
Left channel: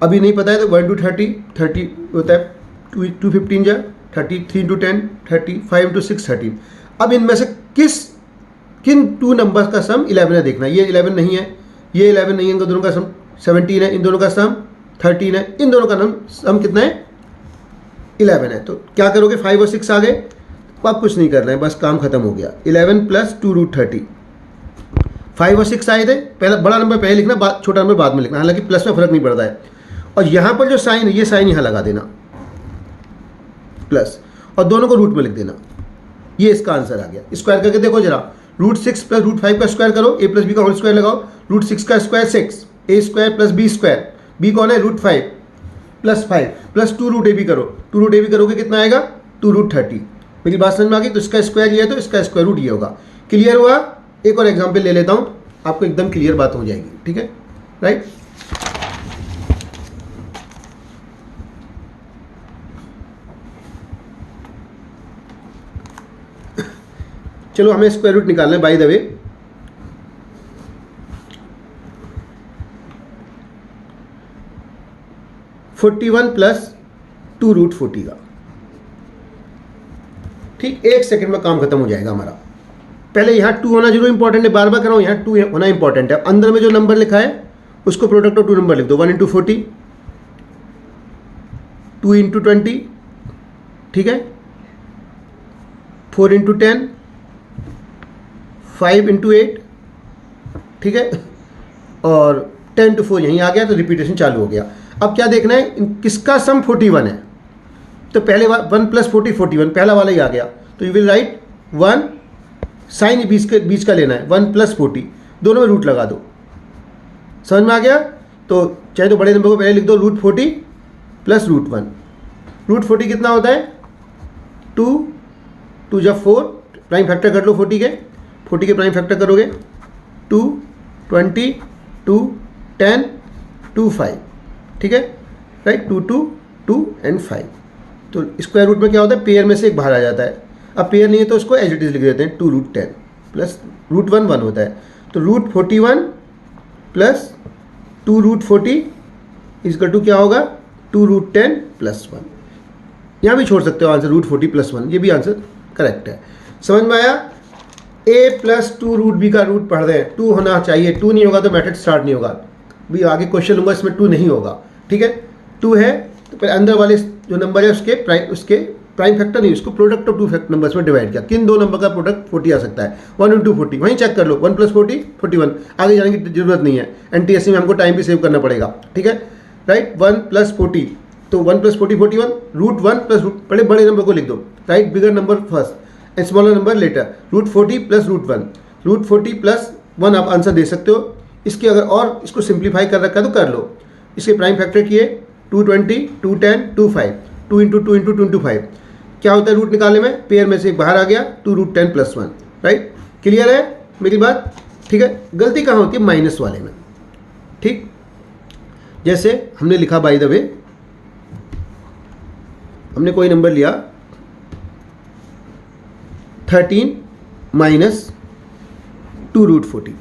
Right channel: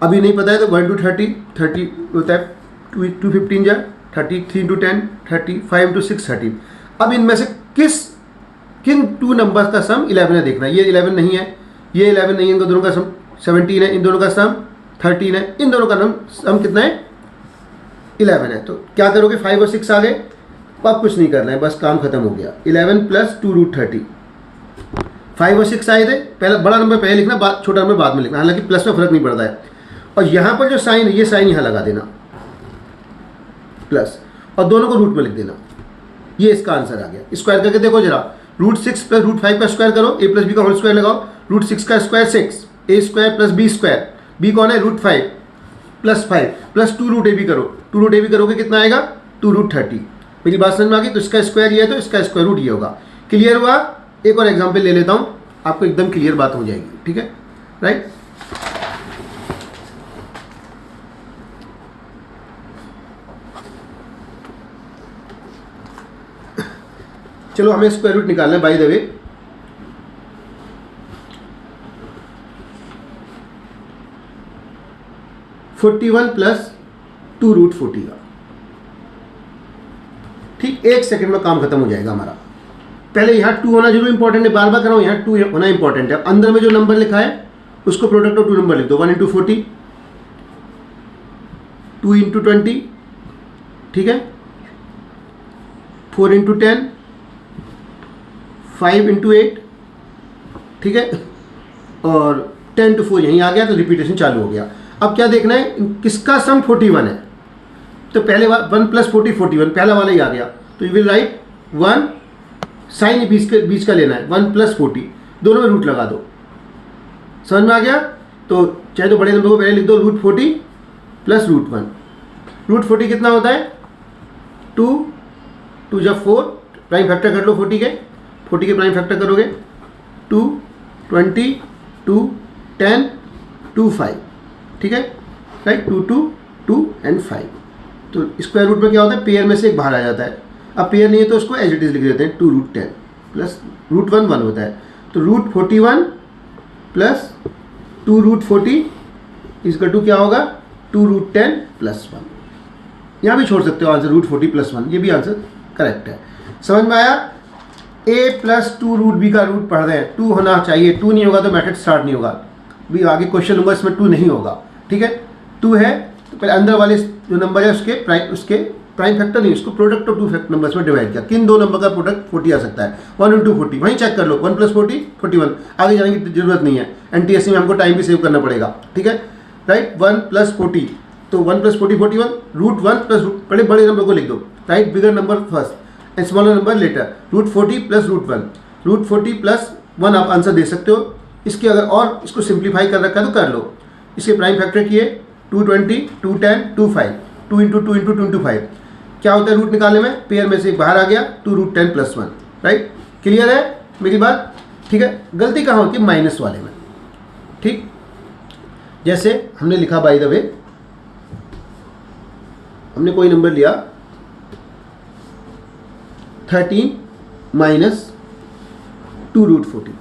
अभी नहीं पता है तो 1 टू 30 होता है, 2 15 जा 30, 3 इंटू 10 30, 5 इंटू 6 30। अब इनमें से किन 2 नंबर का सम 11 है देखना। ये 11 नहीं है, ये 11 नहीं है, इन दोनों का सम 17 है, इन दोनों का सम 13 है, इन दोनों का सम कितना है 11 है। तो क्या करोगे, 5 और 6 आ गए, अब कुछ नहीं करना है, बस काम खत्म हो गया। 11 प्लस 2 रूट 30, 5 और 6 आए थे, पहला बड़ा नंबर पहले लिखना, छोटा नंबर बाद में लिखना, हालांकि प्लस में फर्क नहीं पड़ता है। और यहाँ पर जो साइन है, ये साइन यहाँ लगा देना प्लस, और दोनों को रूट में लिख देना। ये इसका आंसर आ गया। स्क्वायर करके देखो जरा, रूट 6 प्लस रूट 5 का स्क्वायर करो, a प्लस बी का होल स्क्वायर लगाओ, रूट 6 का square 6, a square plus B square, B कौन है root 5 plus 5 plus 2 root A B करो, 2 रूट ए बी करोगे कितना आएगा 2 रूट 30। मेरी बात समझ में आ गई। तो इसका स्क्वायर ये है तो इसका स्क्वायर रूट ये होगा। क्लियर हुआ। एक और एग्जाम्पल ले लेता हूँ, आपको एकदम क्लियर बात हो जाएगी। ठीक है, राइट। चलो हमें स्क्वायर रूट निकालना है। By the way, (41 plus 2 root 40 का, ठीक 1 सेकंड में काम खत्म हो जाएगा हमारा। पहले यहाँ 2 होना जरूर इंपॉर्टेंट है, बार बार कर रहा हूँ, यहाँ 2 होना इंपॉर्टेंट है। अंदर में जो नंबर लिखा है उसको प्रोडक्ट ऑफ 2 नंबर लिख दो। 1 इंटू 40, 2 इंटू 20, ठीक है, 4 इंटू 10, 5 इंटू 8, ठीक है, और 10 टू 4 यहीं आ गया, तो रिपीटेशन चालू हो गया। अब क्या देखना है, किसका सम 41 है, तो पहले 1 प्लस 40 41, पहला वाला ही आ गया। तो यू विल राइट 1, साइन बीच का लेना है, 1 प्लस 40, दोनों में रूट लगा दो। समझ में आ गया। तो चाहे तो बड़े नंबर को पहले लिख दो रूट 40 प्लस √1। √40 कितना होता है? 2, 2 जब 4, प्राइम फैक्टर कर लो 40 के प्राइम फैक्टर करोगे 2, 20, 2, 10, 2, 5, ठीक है, राइट, 2, 2, 2 एंड 5। तो स्क्वायर रूट में क्या होता है? पेयर में से एक बाहर आ जाता है। अब पेयर नहीं है तो उसको एज इट इज लिख देते हैं 2√10 प्लस √1 1 होता है। तो √41 प्लस 2√40 इसका टू क्या होगा? 2√10 प्लस 1। यहाँ भी छोड़ सकते हो आंसर √40 प्लस 1, ये भी आंसर करेक्ट है। समझ में आया? a प्लस 2√b का रूट पढ़ रहे हैं, 2 होना चाहिए, 2 नहीं होगा तो मैथड स्टार्ट नहीं होगा। भी आगे क्वेश्चन लूँगा इसमें 2 नहीं होगा, ठीक है। 2 है तो पहले अंदर वाले जो नंबर है उसके प्राइम फैक्टर नहीं, उसको प्रोडक्ट ऑफ 2 फैक्टर नंबर्स में डिवाइड किया। किन दो नंबर का प्रोडक्ट 40 आ सकता है? 1 × 40, वहीं चेक कर लो, 1 + 40 41। आगे जाने की जरूरत नहीं है, NTSC में हमको टाइम भी सेव करना पड़ेगा, ठीक है, राइट। 1 + 40, तो 1 + 40 41, √1 प्लस बड़े नंबर को लिख दो, right, bigger number first and smaller number later. √40 plus √1, √40 plus 1 आप आंसर दे सकते हो। इसके अगर और इसको सिंप्लीफाई कर रखा है तो कर लो। इसके प्राइम फैक्टर किए 220, 210, 25, 2 × 2 × 2 × 5। क्या होता है रूट निकालने में? पेयर में से एक बाहर आ गया, 2√10 प्लस 1, राइट। क्लियर है मेरी बात? ठीक है। गलती कहाँ होती है? माइनस वाले में, ठीक। जैसे हमने लिखा, बाय द वे, हमने कोई नंबर लिया 13 माइनस 2√40,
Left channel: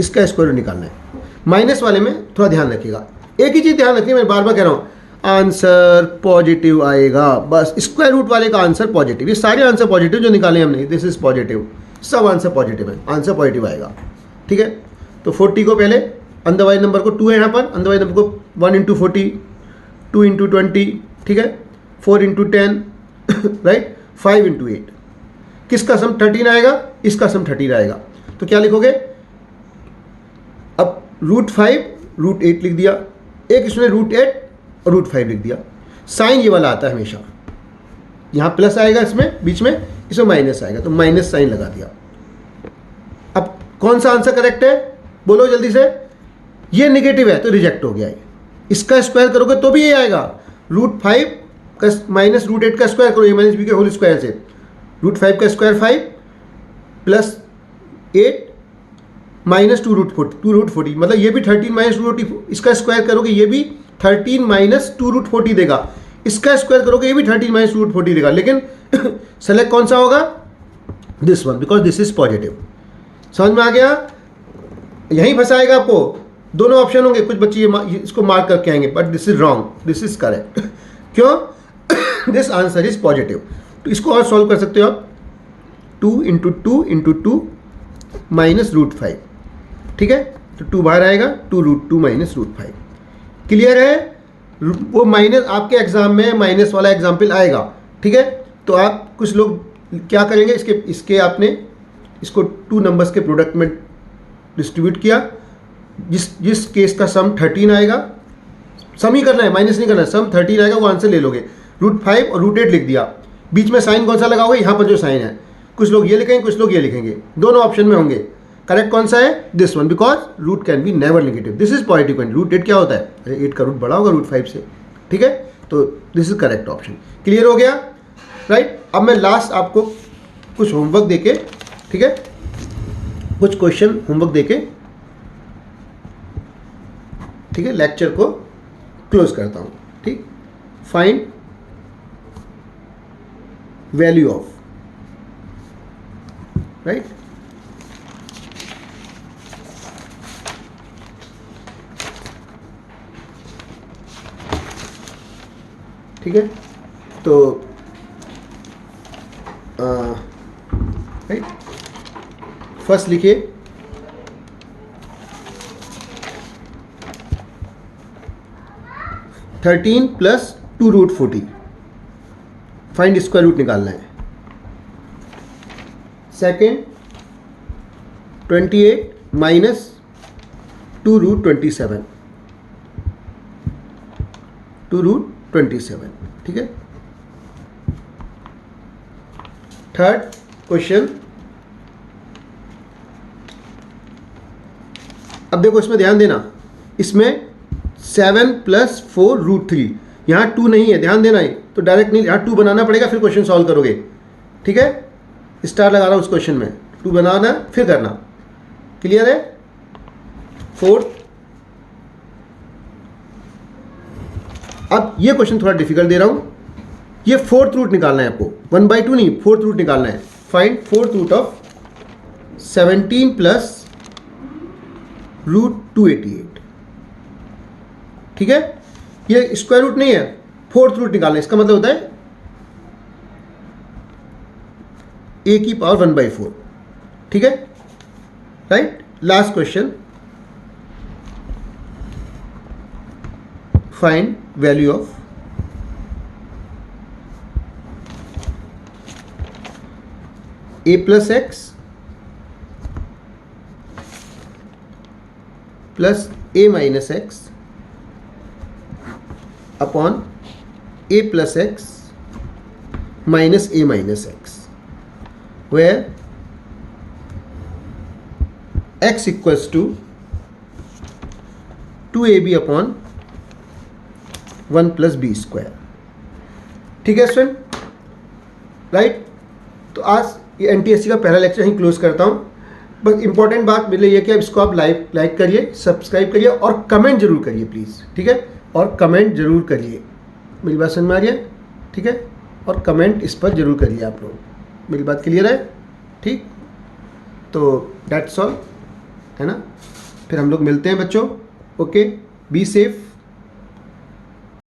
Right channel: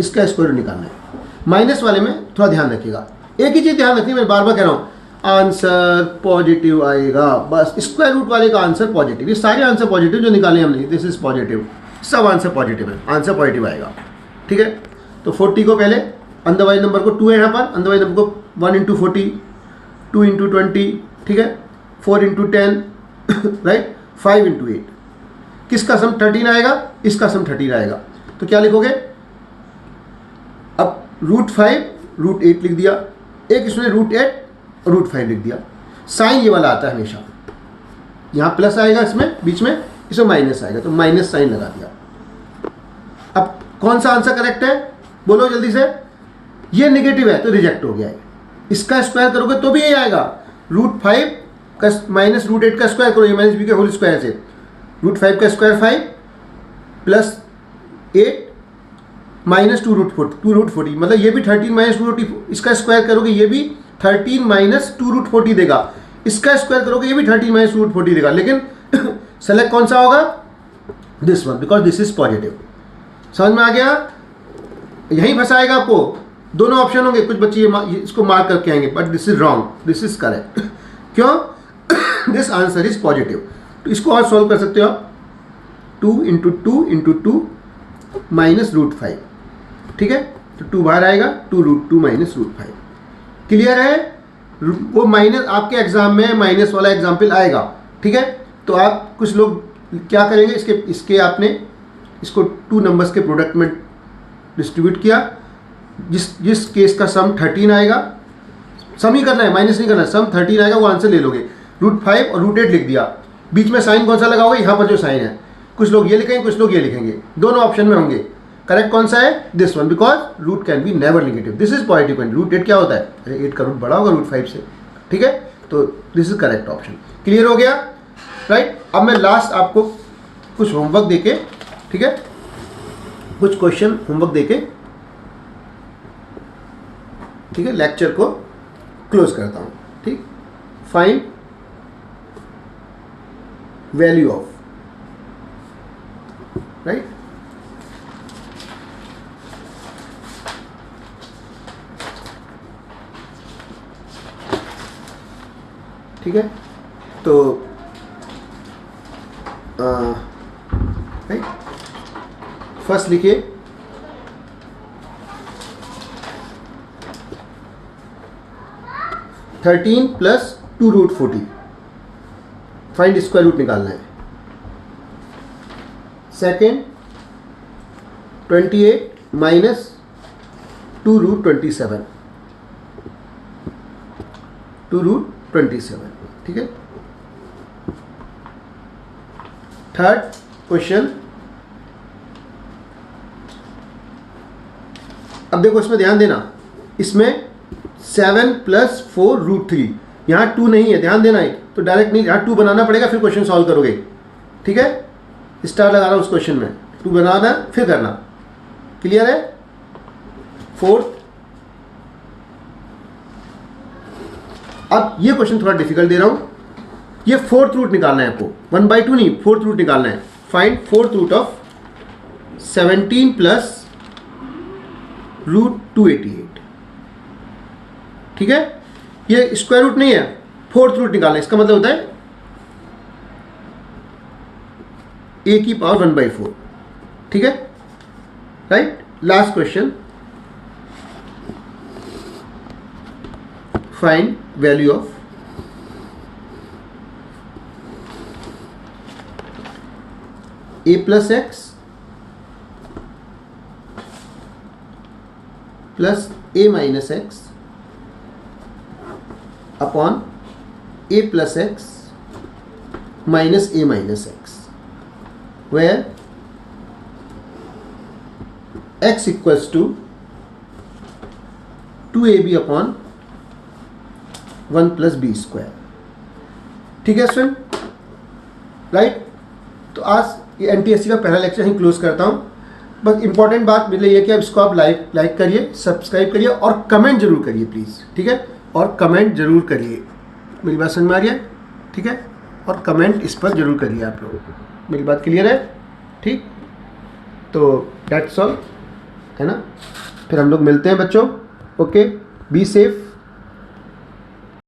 इसका स्क्वायर रूट निकालना है। माइनस वाले में थोड़ा ध्यान रखिएगा, एक ही चीज ध्यान रखिए, मैं बार बार कह रहा हूं, आंसर पॉजिटिव आएगा, बस। स्क्वायर रूट वाले का आंसर पॉजिटिव, ये सारे आंसर पॉजिटिव जो निकाले हमने, दिस इज पॉजिटिव, सब आंसर पॉजिटिव है, आंसर पॉजिटिव आएगा, ठीक है। तो 40 को पहले अंदर वाले नंबर को 2 है यहाँ पर, अंदर वाले नंबर को 1 × 40, 2 × 20, ठीक है, 4 × 10, राइट, 5 × 8। किसका सम 13 आएगा? इसका सम 13 आएगा। तो क्या लिखोगे? अब √5 √8 लिख दिया, एक इसमें √8 और √5 लिख दिया। साइन ये वाला आता है हमेशा, यहाँ प्लस आएगा इसमें बीच में, इसमें माइनस आएगा, तो माइनस साइन लगा दिया। अब कौन सा आंसर करेक्ट है? बोलो जल्दी से। ये नेगेटिव है तो रिजेक्ट हो गया है। इसका स्क्वायर करोगे तो भी ये आएगा, √5 का माइनस √8 का स्क्वायर करो, -b के होल स्क्वायर से, √5 का स्क्वायर 5 प्लस 8 माइनस 2√40, मतलब ये भी 13 माइनस 2√40, इसका स्क्वायर करोगे ये भी 13 माइनस 2√40 देगा, इसका स्क्वायर करोगे ये भी 13 माइनस 2√40 देगा, लेकिन सेलेक्ट कौन सा होगा? This one, because this is positive. समझ में आ गया? यहीं फंसाएगा आपको, दोनों ऑप्शन होंगे, कुछ बच्चे इसको मार्क करके आएंगे, but this is wrong, this is correct. क्यों? This answer is positive. तो इसको और सॉल्व कर सकते हो आप, 2 × 2 × 2 माइनस √5, ठीक है, तो 2 बाहर आएगा, 2√2 माइनस √5। क्लियर है? वो माइनस आपके एग्जाम में माइनस वाला एग्जाम्पल आएगा, ठीक है। तो आप कुछ लोग क्या करेंगे, इसके आपने इसको 2 नंबर्स के प्रोडक्ट में डिस्ट्रीब्यूट किया, जिस केस का सम 13 आएगा, सम ही करना है, माइनस नहीं करना, सम 13 आएगा, वो आंसर ले लोगे। √5 और √8 लिख दिया, बीच में साइन कौन सा लगाओगे? यहाँ पर जो साइन है, कुछ लोग ये लिखेंगे, कुछ लोग ये लिखेंगे, दोनों ऑप्शन में होंगे। करेक्ट कौन सा है? This one, because root can be never negative, this is positive. √8 क्या होता है? 8 का रूट बड़ा होगा √5 से, ठीक है। तो this is correct option. Clear हो गया, राइट। अब मैं लास्ट आपको कुछ होमवर्क देके, ठीक है, कुछ क्वेश्चन होमवर्क देके, ठीक है, लेक्चर को क्लोज करता हूं, ठीक। फाइंड वैल्यू ऑफ, राइट, ठीक है। तो राइट, फर्स्ट लिखिए 13 प्लस 2√40, फाइंड स्क्वायर रूट निकालना है। सेकेंड 28 माइनस 2√27, 2√27, ठीक है। थर्ड क्वेश्चन, अब देखो इसमें ध्यान देना, इसमें 7 प्लस 4√3। यहाँ 2 नहीं है, ध्यान देना है, तो डायरेक्ट नहीं, यहाँ 2 बनाना पड़ेगा फिर क्वेश्चन सॉल्व करोगे। ठीक है, स्टार लगा रहा हूँ उस क्वेश्चन में, 2 बनाना फिर करना। क्लियर है? 4। अब ये क्वेश्चन थोड़ा डिफिकल्ट दे रहा हूँ। ये 4th रूट निकालना है आपको, 1/2 नहीं, 4th रूट निकालना है। Find 4th root of 17 plus √288। ठीक है, ये स्क्वायर रूट नहीं है, 4th रूट निकालना है। इसका मतलब होता है a की पावर 1/4। ठीक है, right. Last question, find value of a plus x plus a minus x upon a plus x minus a minus x, where x equals to 2ab upon 1 plus B square. ठीक है student, right. तो आज ये NTSC का पहला lecture यहीं close करता हूँ। बस इंपॉर्टेंट बात मिले ये कि अब इसको आप लाइक करिए, सब्सक्राइब करिए और कमेंट जरूर करिए प्लीज़। ठीक है, और कमेंट जरूर करिए। मेरी बात समझ में आ रही है? ठीक है, और कमेंट इस पर जरूर करिए आप लोग। मेरी बात क्लियर है? ठीक, तो दैट्स ऑल, है ना। फिर हम लोग मिलते हैं बच्चों। Okay, be safe.